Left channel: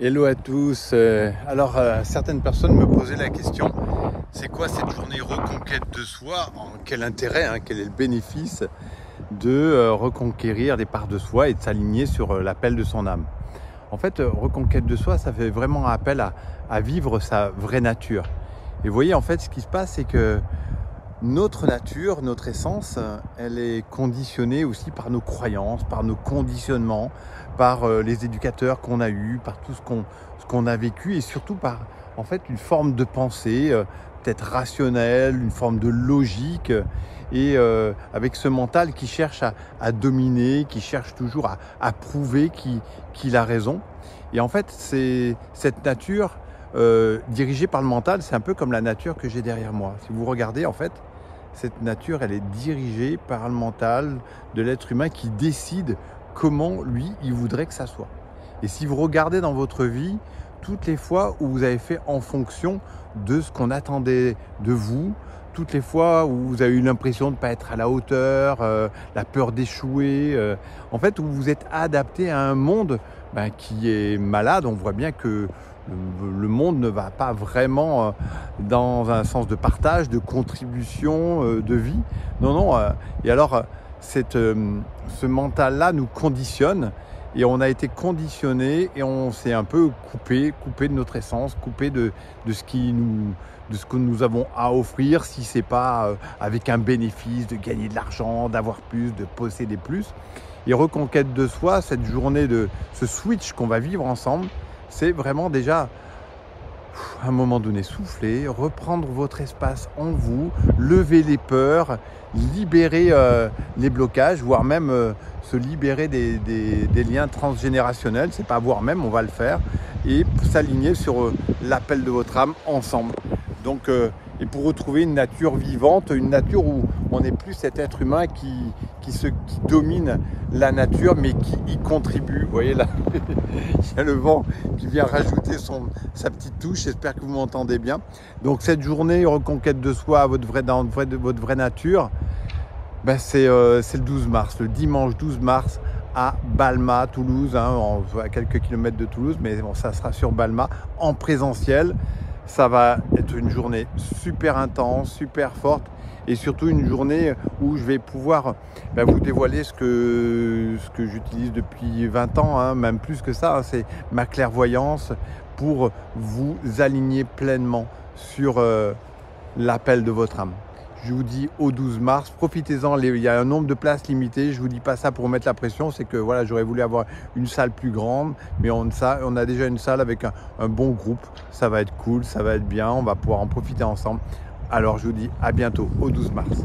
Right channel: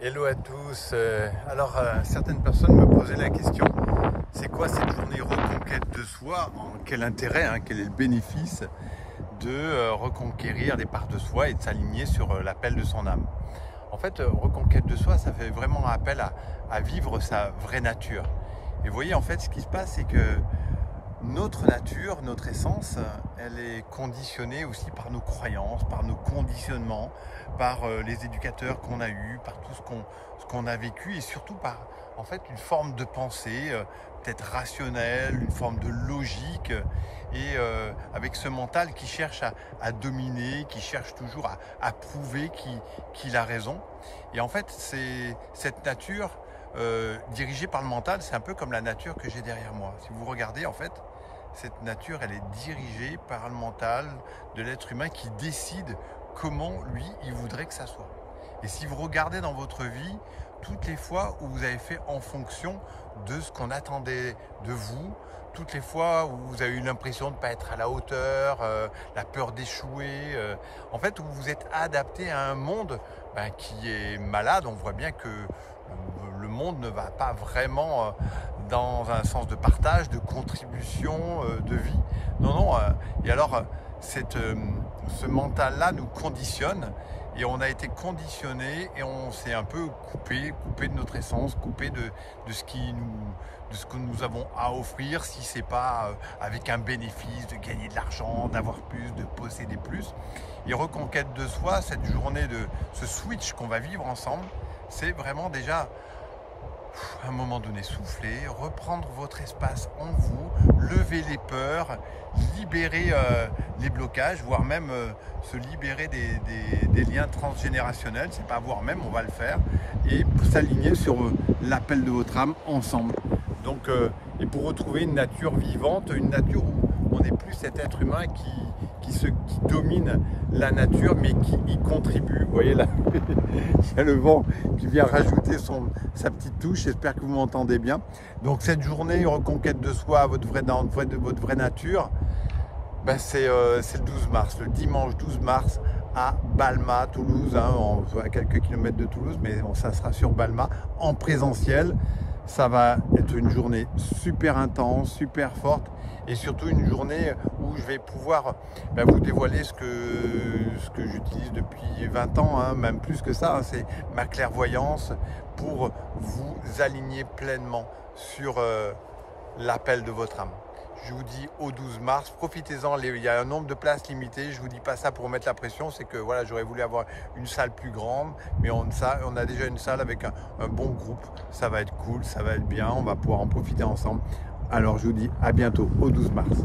Hello à tous. Certaines personnes me posaient la question, c'est quoi cette journée reconquête de soi? Quel intérêt, quel est le bénéfice de reconquérir des parts de soi et de s'aligner sur l'appel de son âme? En fait, reconquête de soi, ça fait vraiment appel à vivre sa vraie nature. Et vous voyez, en fait, ce qui se passe, c'est que notre nature, notre essence, elle est conditionnée aussi par nos croyances, par nos conditionnements, par les éducateurs qu'on a eus, par tout ce qu'on a vécu et surtout par en fait une forme de pensée peut-être rationnelle, une forme de logique et avec ce mental qui cherche à dominer, qui cherche toujours à prouver qu'il a raison. Et en fait, c'est cette nature dirigée par le mental, c'est un peu comme la nature que j'ai derrière moi. Si vous regardez, en fait, cette nature, elle est dirigée par le mental de l'être humain qui décide comment, lui, il voudrait que ça soit. Et si vous regardez dans votre vie, toutes les fois où vous avez fait en fonction de ce qu'on attendait de vous, toutes les fois où vous avez eu l'impression de ne pas être à la hauteur, la peur d'échouer, en fait, où vous êtes adapté à un monde qui est malade, on voit bien que le monde ne va pas vraiment dans un sens de partage, de contribution, de vie. Non, non. Et alors, ce mental-là nous conditionne et on a été conditionné et on s'est un peu coupé de notre essence, coupé de ce que nous avons à offrir, si c'est pas avec un bénéfice, de gagner de l'argent, d'avoir plus, de posséder plus. Et reconquête de soi, cette journée de ce switch qu'on va vivre ensemble, c'est vraiment déjà à un moment donné souffler, reprendre votre espace en vous, lever les peurs, libérer les blocages, voire même se libérer des liens transgénérationnels, c'est pas voire même, on va le faire, et s'aligner sur l'appel de votre âme ensemble. Donc, et pour retrouver une nature vivante, une nature où on n'est plus cet être humain qui domine la nature, mais qui y contribue. Vous voyez là, il y a le vent qui vient rajouter sa petite touche. J'espère que vous m'entendez bien. Donc cette journée reconquête de soi, votre vraie nature, c'est le 12 mars, le dimanche 12 mars à Balma, Toulouse, à quelques kilomètres de Toulouse, mais bon, ça sera sur Balma en présentiel. Ça va être une journée super intense, super forte et surtout une journée où je vais pouvoir vous dévoiler ce que j'utilise depuis 20 ans, même plus que ça, c'est ma clairvoyance pour vous aligner pleinement sur l'appel de votre âme. Je vous dis au 12 mars, profitez-en, il y a un nombre de places limité, je vous dis pas ça pour mettre la pression, c'est que voilà, j'aurais voulu avoir une salle plus grande, mais on a déjà une salle avec un bon groupe, ça va être cool, ça va être bien, on va pouvoir en profiter ensemble. Alors je vous dis à bientôt, au 12 mars.